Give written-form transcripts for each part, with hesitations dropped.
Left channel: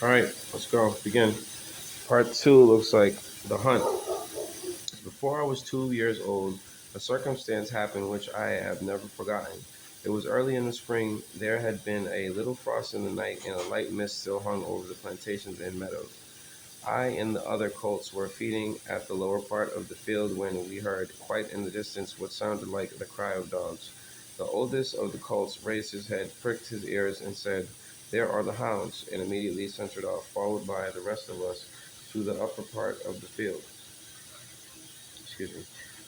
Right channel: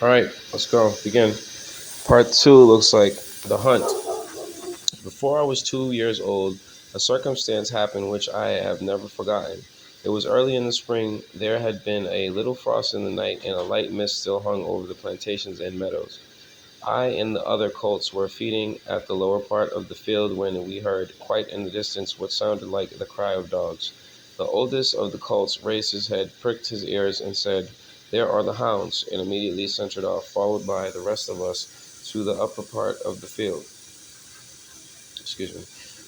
All right, let's go. Begin. Part two looks like the hunt. Before I was 2 years old, a circumstance happened which I have never forgotten. It was early in the spring. There had been a little frost in the night, and a light mist still hung over the plantations and meadows. I and the other colts were feeding at the lower part of the field when we heard, quite in the distance, what sounded like the cry of dogs. The oldest of the colts raised his head, pricked his ears, and said, "There are the hounds," and immediately ventured off, followed by the rest of us, to the upper part of the field, excuse me,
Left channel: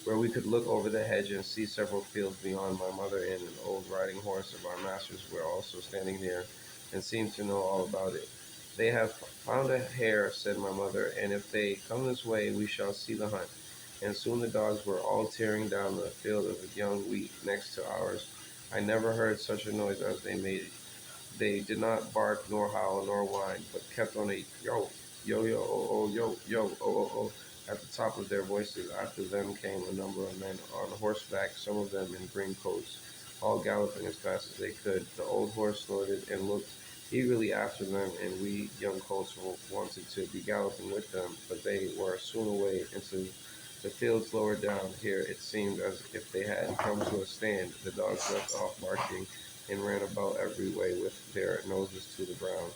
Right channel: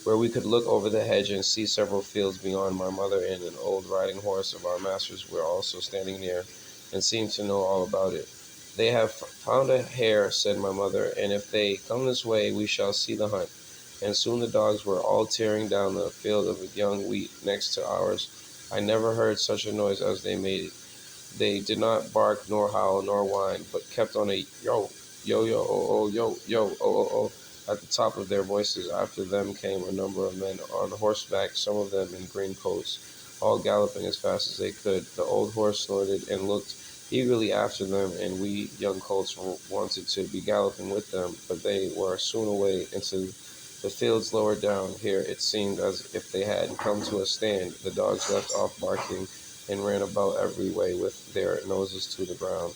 where we could look over the hedge and see several fields beyond. My mother and an old riding horse of our master's were also standing near, and seemed to know all about it. "They have found a hare," said my mother, "and if they come this way we shall see the hunt." And soon the dogs were all tearing down the field of young wheat next to ours. I never heard such a noise as they made. They did not bark nor howl nor whine, but kept on a yo, yo, yo, oh, oh, yo, yo, oh, oh, oh, at the top of their voices. After them came a number of men on horseback, some of them in green coats, all galloping as fast as they could. The old horse snorted and looked eagerly after them, and we young colts wanted to be galloping with them, but they were soon away into the fields lower down. Here it seemed as if they had come to a stand. The dogs left off barking and ran about every way with their noses to the ground.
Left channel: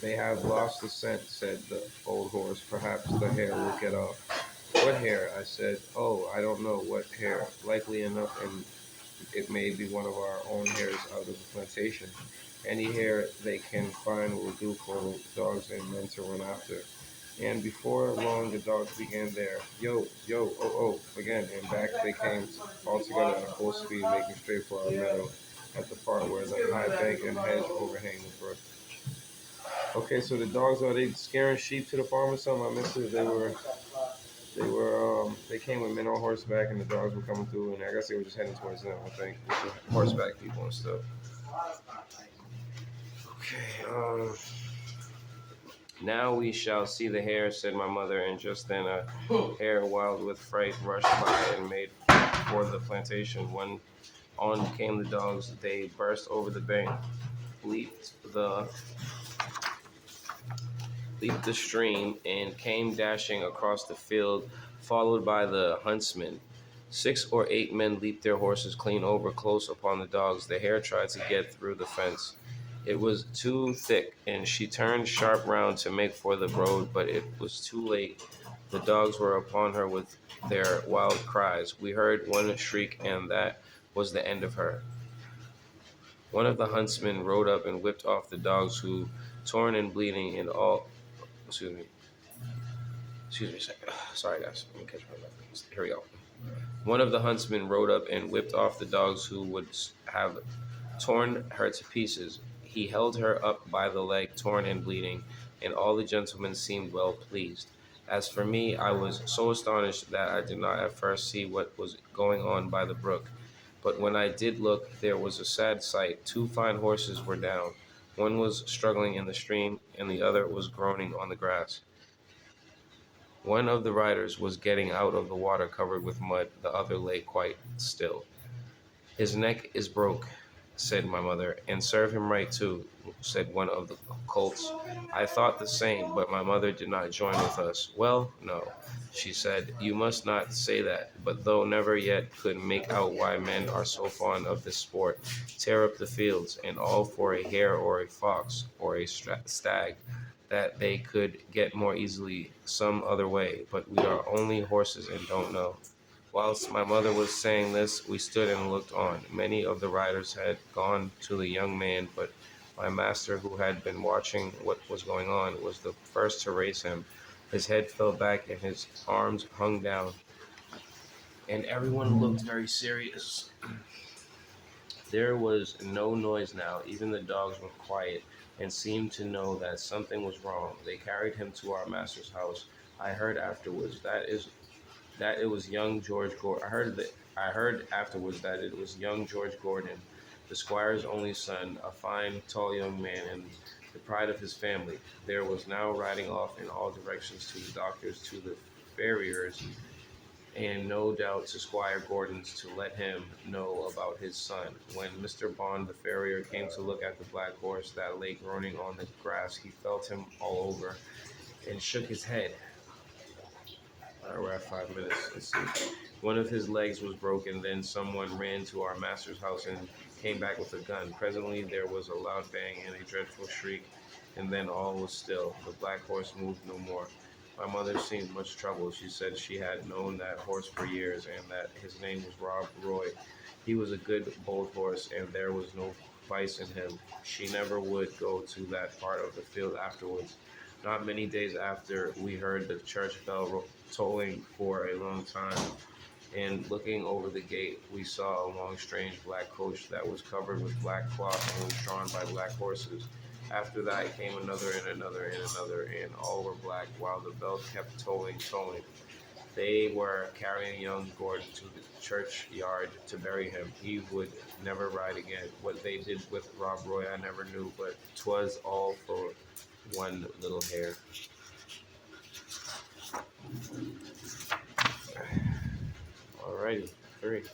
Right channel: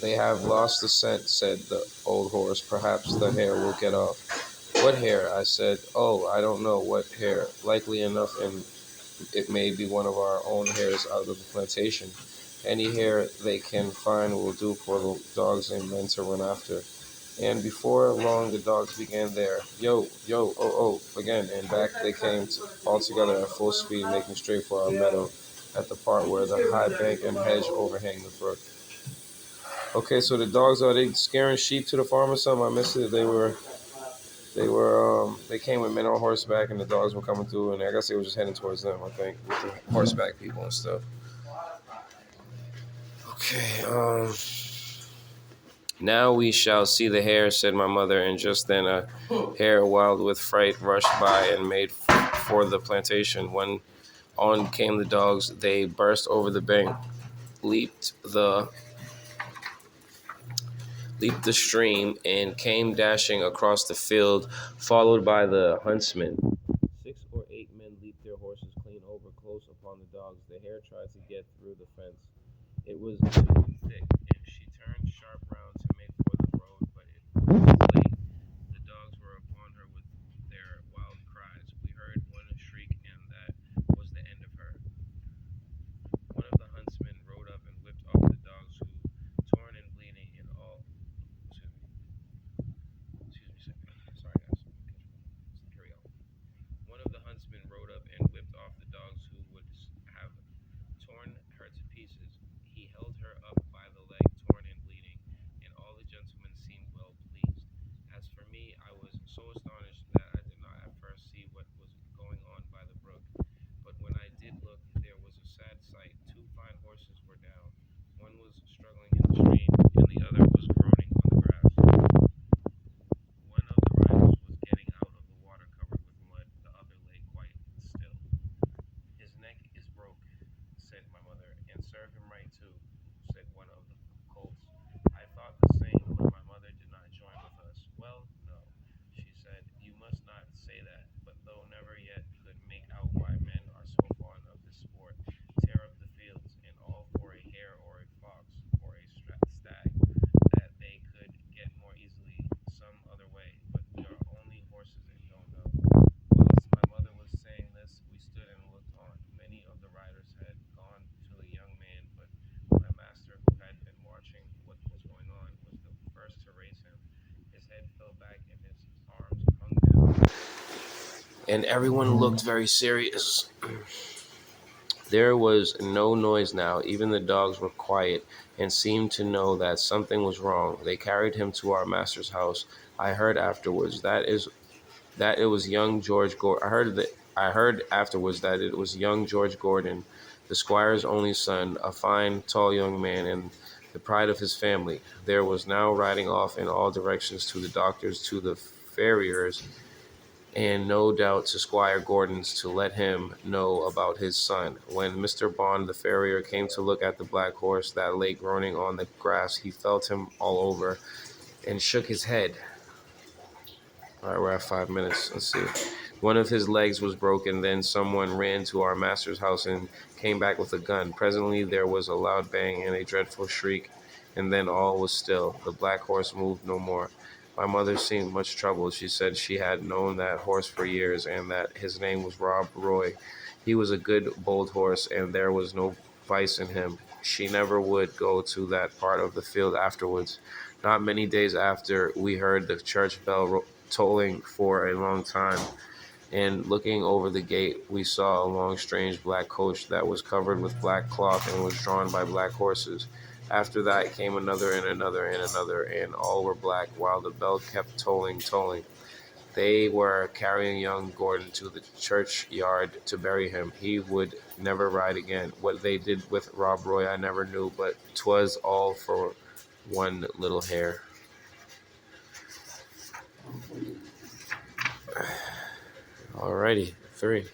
"They have lost the scent," said the old horse. "Perhaps the hare will get off." "What hare?" I said. "Oh, I don't know what hare. Likely enough, and it may be one of our own hares out of the plantation. Any hare they can find will do for the dogs and men to run after." And before long the dogs began their yo, yo, oh, oh again, and back they came all together at full speed, making straight for our meadow at the part where the high bank and hedge overhang the brook. Okay, so the dogs, are they scaring sheep to the farm or something? I missed it. They came with men on horseback, and the dogs were coming through, and I guess they were just heading towards them. I think with the horseback people and stuff. Okay. "Now we shall see the hare," said my mother, and just then a hare, wild with fright, rushed by and made for the plantation. When on came the dogs, they burst over the bank, leaped the leaped the stream, and came dashing across the field, followed by the huntsmen. 6 or 8 men leaped their horses clean over, close upon the dogs. The hare tried to get through the fence. It was too thick, and she turned sharp round to make for the road, but it was too late. The dogs were upon her with their wild cries. We heard one shriek, and that was the end of her. One of the huntsmen rode up and whipped off the dogs, who, torn and bleeding, and all, excuse me, excuse me a second. Sorry, guys. Let me catch my breath. Here we go. One of the huntsmen rode up and whipped off the dogs, who would have torn her to pieces. He held her up by the leg, torn and bleeding, and all the gentlemen seemed well pleased. As for me, I was so astonished that I did not at first see what was going on by the brook. But when I did look, there was a sad sight. 2 fine horses were down. One was struggling in the stream, and the other was groaning on the grass. One of the riders was getting out of the water covered with mud, the other lay quite still. "His neck is broke," said my mother. "And serve him right too," said one of the colts. I thought the same, but my mother did not join with us. "Well, no," she said, "you must not say that, but though never yet could make out why men are so fond of this sport, tear up the fields, and all for a hare or a fox or a stag, that they could get more easily some other way, but we are only horses and don't know." Whilst my mother was saying this, we stood and looked on. Many of the riders had gone to the young man, but my master, who had been watching what was going on, was the first to raise him. His head fell back and his arms hung down, and everyone looked very serious. There was no noise now. Even the dogs were quiet and seemed to know that something was wrong. They carried him to our master's house. I heard afterwards that it was young George Gordon. I heard afterwards that it was young George Gordon, the squire's only son, a fine, tall young man, and the pride of his family. There was now riding off in all directions, to the doctor's, to the farrier's, and no doubt to Squire Gordon's to let him know about his son. When Mr. Bond, the farrier, came to look at the black horse that lay groaning on the grass, he felt him all over and shook his head. All right, we're at 5 minutes. Let's see. One of his legs was broken. Then someone ran to our master's house and came back with a gun. Presently, there was a loud bang and a dreadful shriek, and then all was still. The black horse moved no more. My mother seemed much troubled. She said she had known that horse for years and that his name was Rob Roy. He was a good, bold horse, and there was no vice in him. She never would go to that part of the field afterwards. Not many days after, we heard the church bell tolling for a long time, and looking over the gate, we saw a long, strange black coach that was covered with black cloth and was drawn by black horses. After that came another and another and another, and all were black, while the bell kept tolling, tolling. They were carrying young Gordon to the churchyard to bury him. He would never ride again. What they did with Rob Roy I never knew, but 'twas all for one little hare. Alrighty, 3.